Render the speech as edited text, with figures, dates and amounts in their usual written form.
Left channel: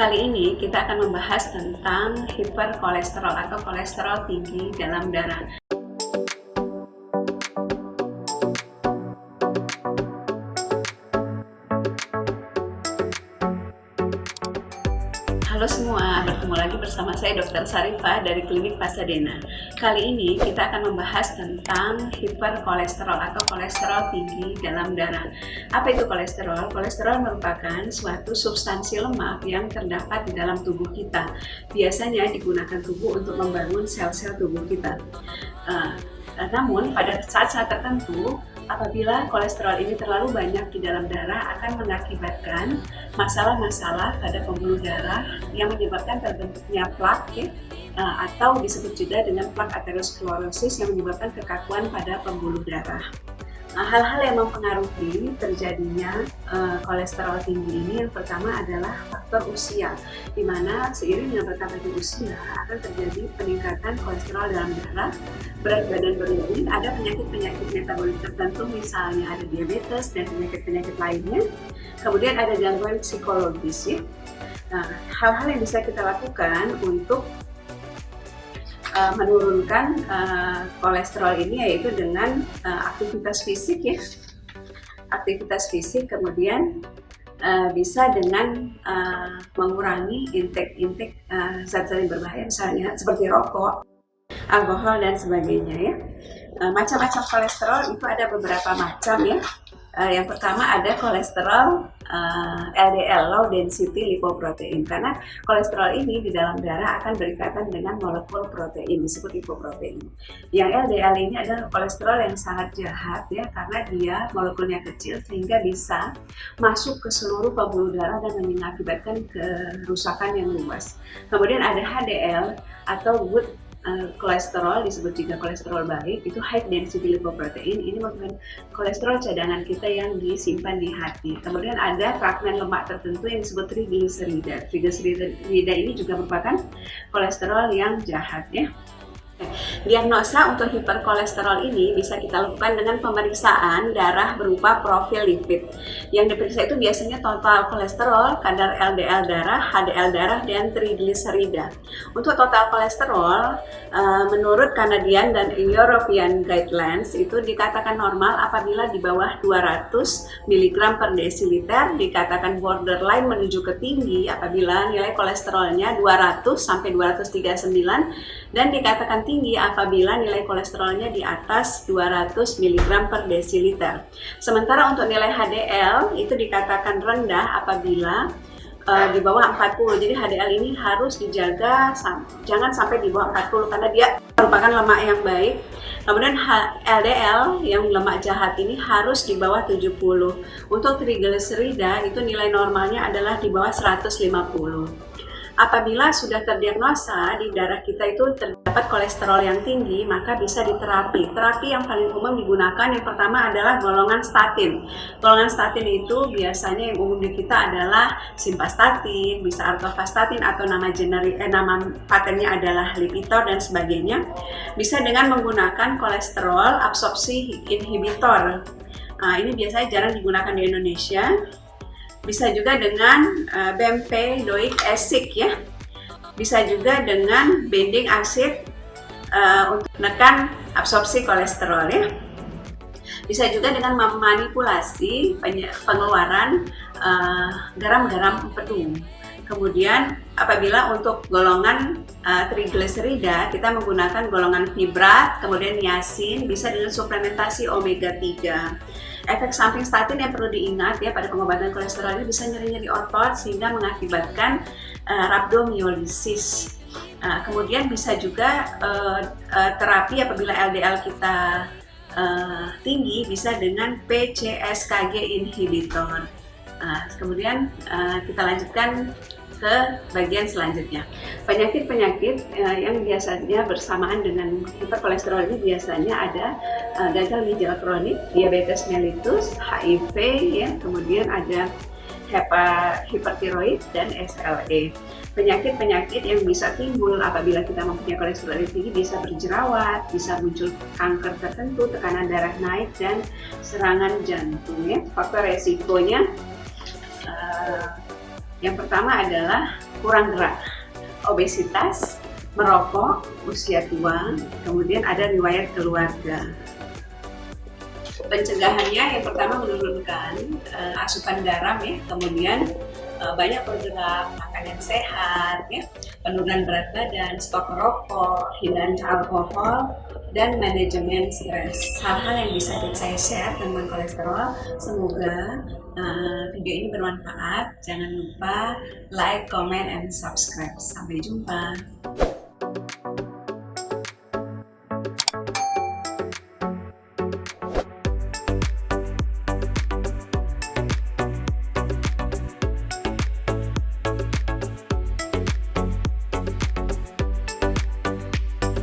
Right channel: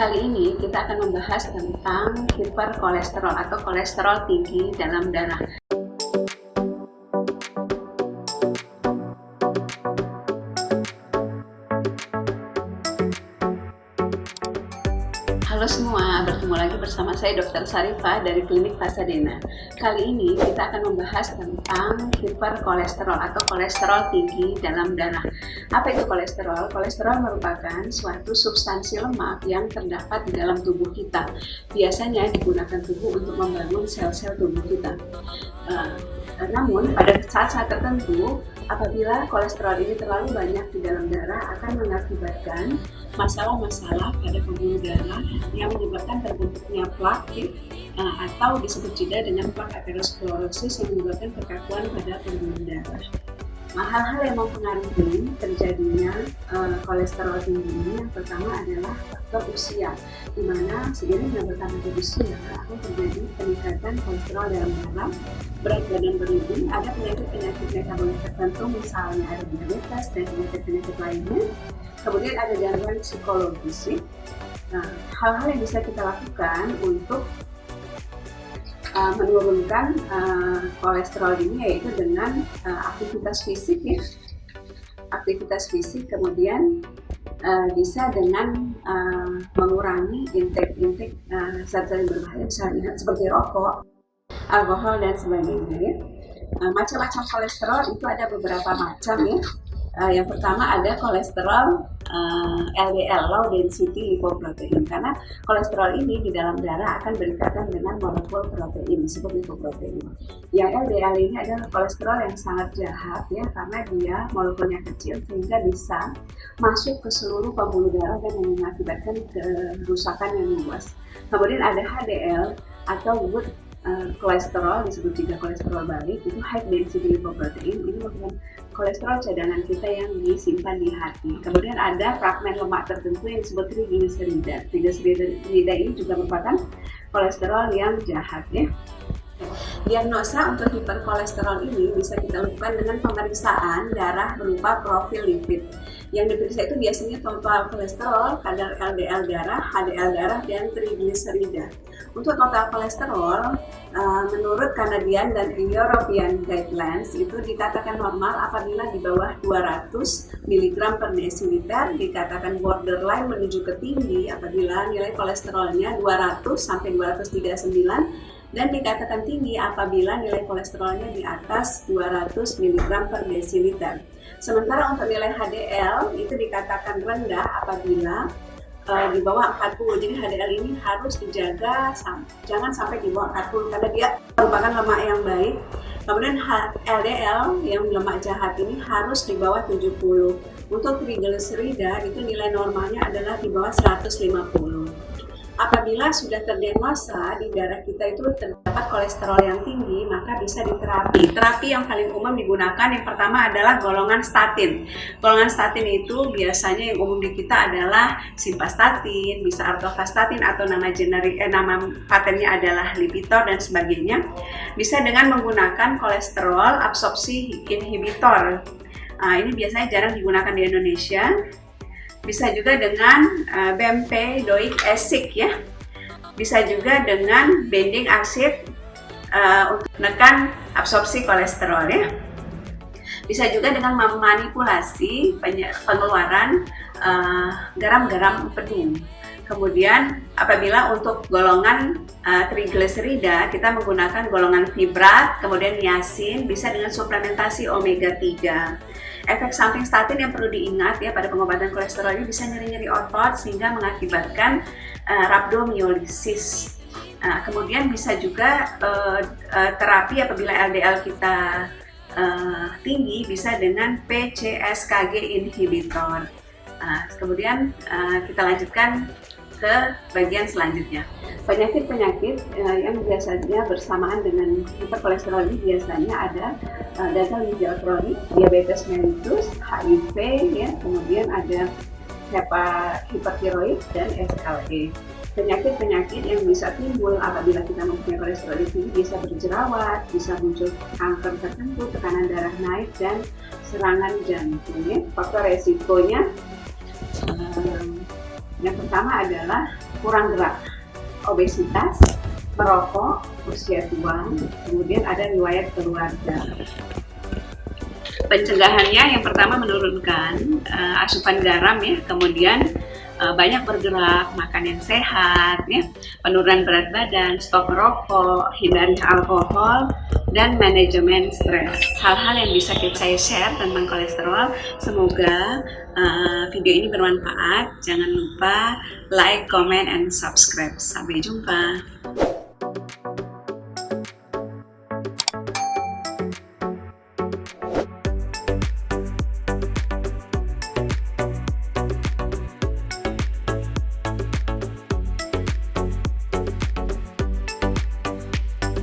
Kali ini kita akan membahas tentang hiperkolesterol atau kolesterol tinggi dalam darah. Halo semua, bertemu lagi bersama saya Dr. Sarifah dari Klinik Pasadena. Kali ini kita akan membahas tentang hiperkolesterol atau kolesterol tinggi dalam darah. Apa itu kolesterol? Kolesterol merupakan suatu substansi lemak yang terdapat di dalam tubuh kita. Biasanya digunakan tubuh untuk membangun sel-sel tubuh kita. Namun pada saat-saat tertentu, apabila kolesterol ini terlalu banyak di dalam darah akan mengakibatkan masalah-masalah pada pembuluh darah yang menyebabkan terbentuknya plak atau disebut juga dengan plak aterosklerosis yang menyebabkan kekakuan pada pembuluh darah. Nah, hal-hal yang mempengaruhi terjadinya kolesterol tinggi ini yang pertama adalah faktor usia, di mana seiring dengan bertambahnya usia akan terjadi peningkatan kolesterol dalam darah, berat badan berlebih, ada penyakit-penyakit metabolik tertentu misalnya ada diabetes dan penyakit-penyakit lainnya, kemudian ada gangguan psikologis. Nah, hal-hal yang bisa kita lakukan untuk menurunkan kolesterol ini yaitu dengan aktivitas fisik aktivitas fisik, kemudian bisa dengan mengurangi intake zat-zat yang berbahaya misalnya seperti rokok, alkohol dan sebagainya Macam-macam kolesterol itu ada beberapa macam Yang pertama ada kolesterol LDL, low density lipoprotein, karena kolesterol ini di dalam darah akan berikatan dengan molekul protein disebut lipoprotein. Yang LDL ini adalah kolesterol yang sangat jahat karena dia molekulnya kecil sehingga bisa masuk ke seluruh pembuluh darah dan mengakibatkan kerusakan yang luas. Kemudian ada HDL atau good kolesterol, disebut juga kolesterol baik, itu high density lipoprotein. Ini merupakan kolesterol cadangan kita yang disimpan di hati. Kemudian ada fragmen lemak tertentu yang disebut trigliserida. Trigliserida ini juga merupakan kolesterol yang jahat Diagnosa untuk hiperkolesterol ini bisa kita lakukan dengan pemeriksaan darah berupa profil lipid. Yang diperiksa itu biasanya total kolesterol, kadar LDL darah, HDL darah, dan trigliserida. Untuk total kolesterol, menurut Canadian dan European Guidelines itu dikatakan normal apabila di bawah 200 mg per desiliter, dikatakan borderline menuju ke tinggi apabila nilai kolesterolnya 200 sampai 239, dan dikatakan tinggi apabila nilai kolesterolnya di atas 200 mg per desiliter. Sementara untuk nilai HDL itu dikatakan rendah apabila di bawah 40. Jadi HDL ini harus dijaga jangan sampai di bawah 40 karena dia merupakan lemak yang baik. Kemudian LDL yang lemak jahat ini harus di bawah 70. Untuk trigliserida itu nilai normalnya adalah di bawah 150. Apabila sudah terdiagnosa di darah kita itu terdapat kolesterol yang tinggi, maka bisa diterapi. Terapi yang paling umum digunakan yang pertama adalah golongan statin. Golongan statin itu biasanya yang umum di kita adalah simvastatin, bisa atorvastatin atau nama patennya adalah Lipitor dan sebagainya. Bisa dengan menggunakan kolesterol absorpsi inhibitor. Ini biasanya jarang digunakan di Indonesia. Bisa juga dengan bempedoic acid Bisa juga dengan binding acid untuk menekan absorpsi kolesterol Bisa juga dengan memanipulasi pengeluaran garam-garam empedu. Kemudian apabila untuk golongan trigliserida kita menggunakan golongan fibrat, kemudian niacin, bisa dengan suplementasi omega 3. Efek samping statin yang perlu diingat pada pengobatan kolesterol ini bisa nyeri-nyeri otot sehingga mengakibatkan rhabdomyolysis. Kemudian bisa juga terapi apabila LDL kita tinggi bisa dengan PCSK9 inhibitor. Kemudian kita lanjutkan ke bagian selanjutnya. Penyakit-penyakit yang biasanya bersamaan dengan hiperkolesterol ini biasanya ada gagal ginjal kronik, diabetes mellitus, HIV, kemudian ada hipertiroid dan SLE. Penyakit-penyakit yang bisa timbul apabila kita mempunyai kolesterol tinggi bisa berjerawat, bisa muncul kanker tertentu, tekanan darah naik, dan serangan jantung. Faktor resikonya Yang pertama adalah kurang gerak, obesitas, merokok, usia tua, kemudian ada riwayat keluarga. Pencegahannya yang pertama menurunkan asupan garam ya, kemudian banyak bergerak, makan yang sehat ya, penurunan berat badan, stop merokok, hindari alkohol, dan manajemen stres. Hal-hal yang bisa saya share tentang kolesterol. Semoga video ini bermanfaat. Jangan lupa like, comment, and subscribe. Sampai jumpa.